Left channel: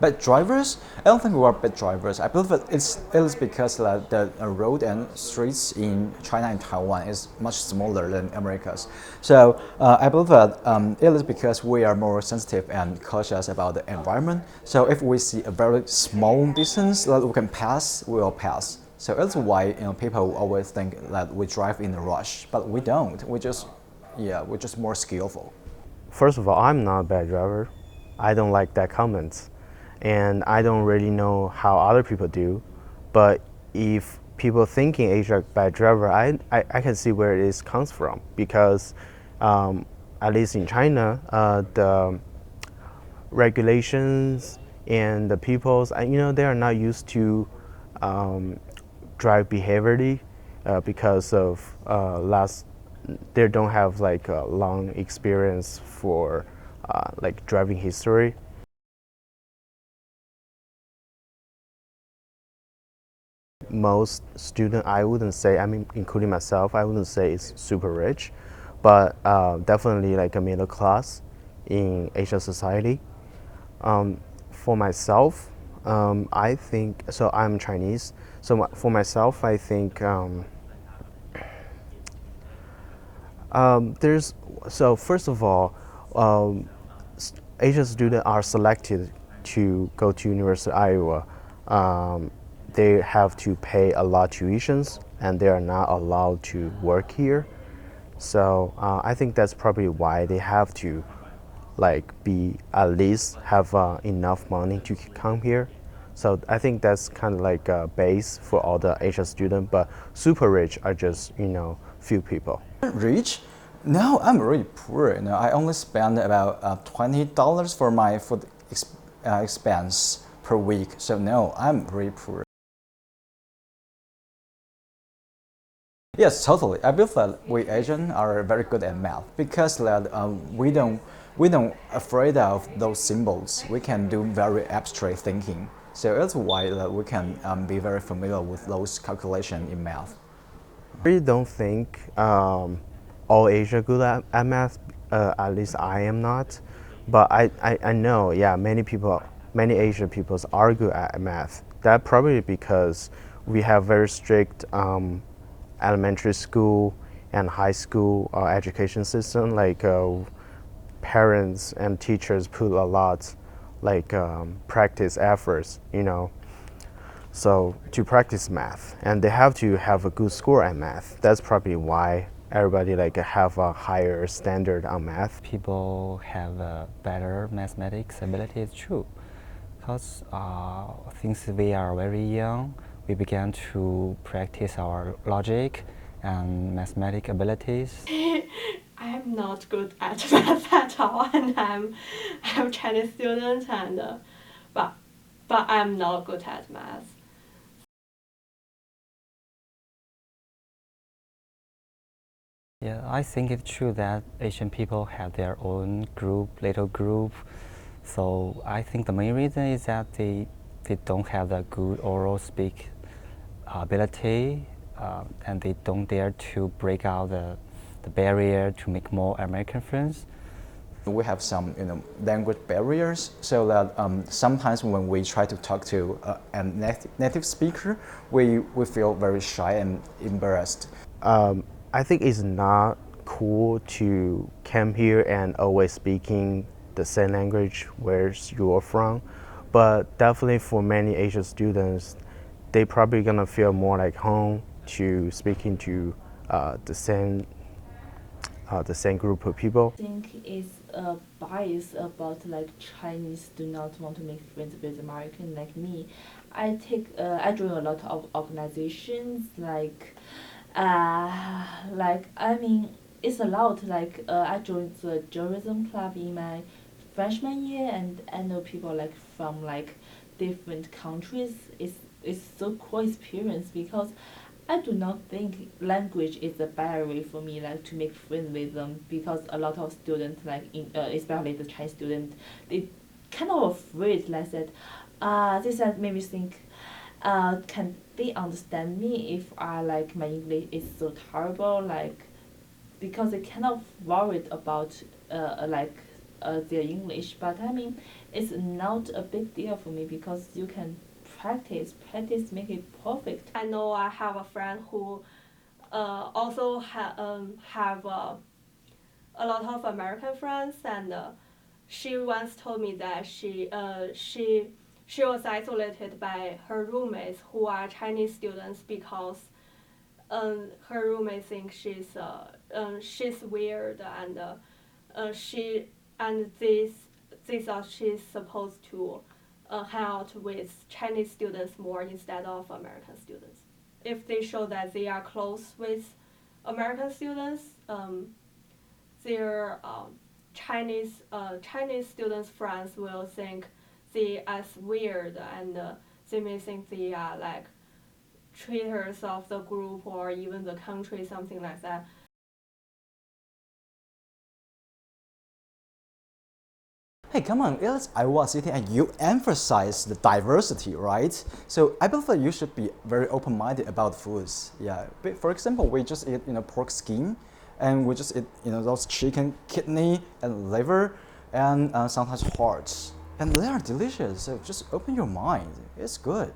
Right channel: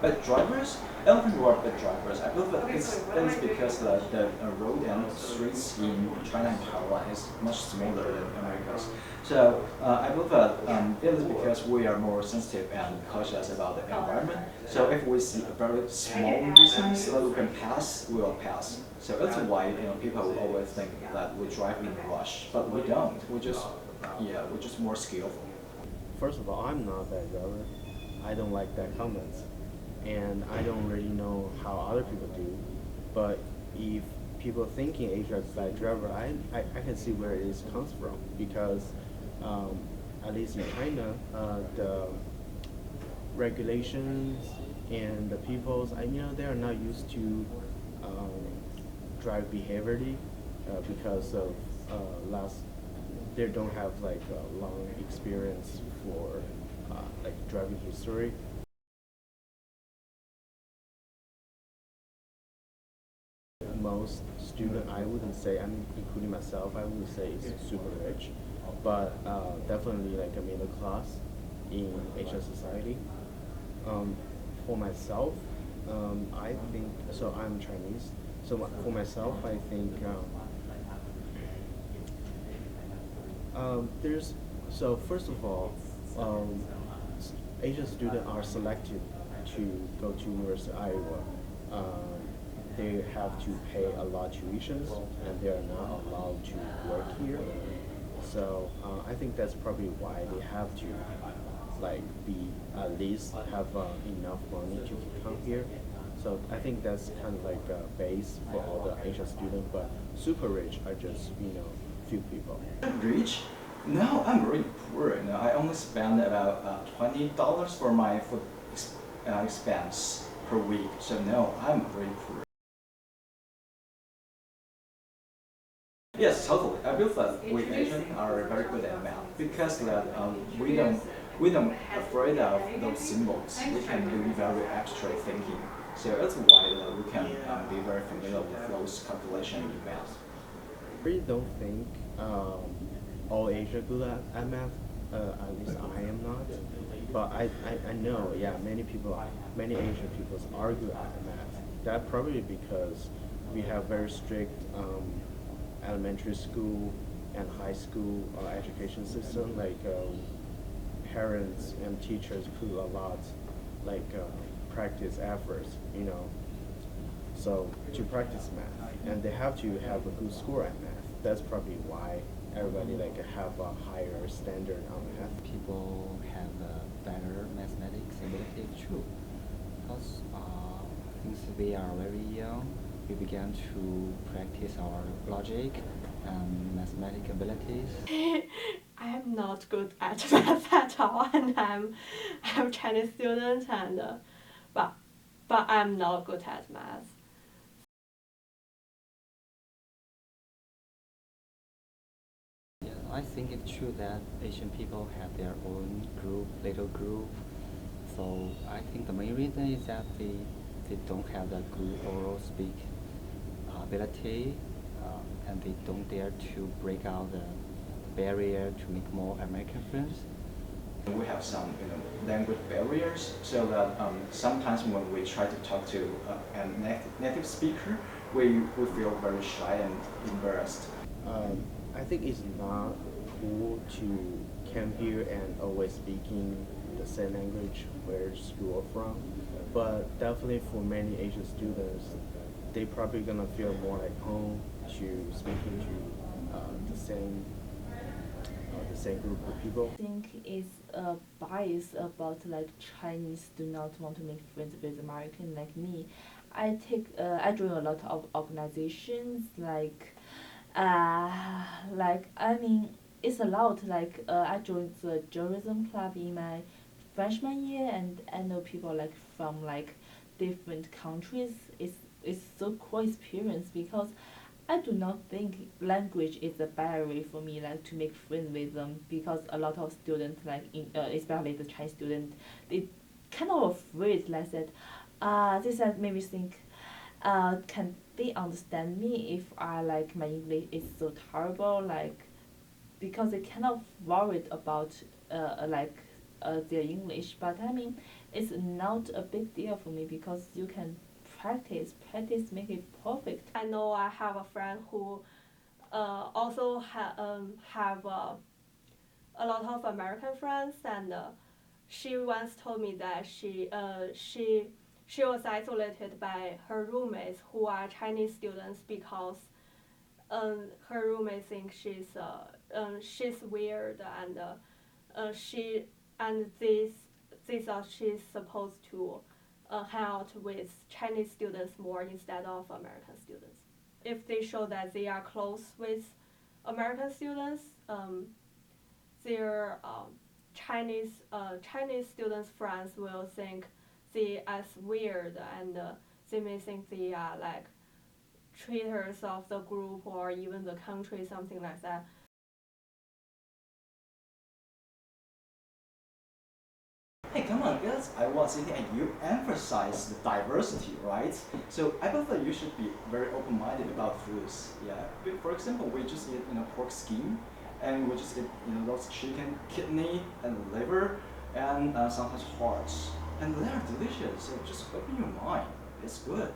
Bad drivers? I don't think we are bad drivers. I believe that it is because the road and streets in China and Taiwan is much smaller than America's. So I believe that it is because we are more sensitive and cautious about the environment. So if we see a very small distance that we can pass, we will pass. So that's why people always think that we drive in a rush, but we don't. We're just more skillful. First of all, I'm not a bad driver. I don't like that comment. And I don't really know how other people do. But if people thinking Asia a bad driver, I can see where it comes from because at least in China, the regulations and the people's, they are not used to drive behaviorally because of last they don't have like a long experience for like driving history. Most student, I wouldn't say, I mean, including myself, I wouldn't say it's super rich, but definitely like a middle class in Asian society. For myself, I think, so I'm Chinese, so for myself, I think there's, so first of all, um, Asian students are selected to go to University of Iowa. They have to pay a lot of tuitions and they are not allowed to work here. So I think that's probably why they have to like be at least have enough money to come here. So I think that's kind of like a base for all the Asian students, but super rich are just few people. Rich? No, I'm really poor. I only spend about $20 for my food expense per week. So no, I'm really poor. Yes, totally. I believe that we Asians are very good at math because that we don't afraid of those symbols. We can do very abstract thinking. So that's why we can be very familiar with those calculations in math. I really don't think all Asia good at math. At least I am not. But I know, yeah, many Asian peoples are good at math. That probably because we have very strict elementary school and high school education system. Like parents and teachers put a lot, like practice efforts. So to practice math, and they have to have a good score at math. That's probably why everybody like have a higher standard on math. People have a better mathematics ability. It's true, because since we are very young, we began to practice our logic and mathematic abilities. I'm not good at math at all, and I'm Chinese student, and but I'm not good at math. Yeah, I think it's true that Asian people have their own little group. So I think the main reason is that they don't have the good oral speak ability, and they don't dare to break out the barrier to make more American friends. We have some language barriers, so that sometimes when we try to talk to a native speaker, we feel very shy and embarrassed. I think it's not cool to come here and always speaking the same language where you're from, but definitely for many Asian students, they probably gonna feel more like home to speaking to the same group of people. I think it's a bias about like Chinese do not want to make friends with American like me. I join a lot of organizations I mean it's a lot I joined the journalism club in my freshman year, and I know people like from like different countries. It's so cool experience because I do not think language is a barrier for me like to make friends with them, because a lot of students especially the Chinese student, they kind of afraid like that. This has made me think, can they understand me if I like my English is so terrible, like because they kind of worried about like their English. But I mean, it's not a big deal for me because you can practice, make it perfect. I know I have a friend who also have a lot of American friends, and she once told me that she was isolated by her roommates who are Chinese students because her roommate thinks she's weird, and they thought she's supposed to hang out with Chinese students more instead of American students. If they show that they are close with American students, their Chinese students' friends will think they as weird, and they may think they are like traitors of the group or even the country, something like that. Hey, come on, it's Iowa City and you emphasize the diversity, right? So I believe that you should be very open-minded about foods. Yeah, for example, we just eat pork skin, and we just eat those chicken kidney and liver, and sometimes hearts, and they are delicious. So just open your mind. It's good.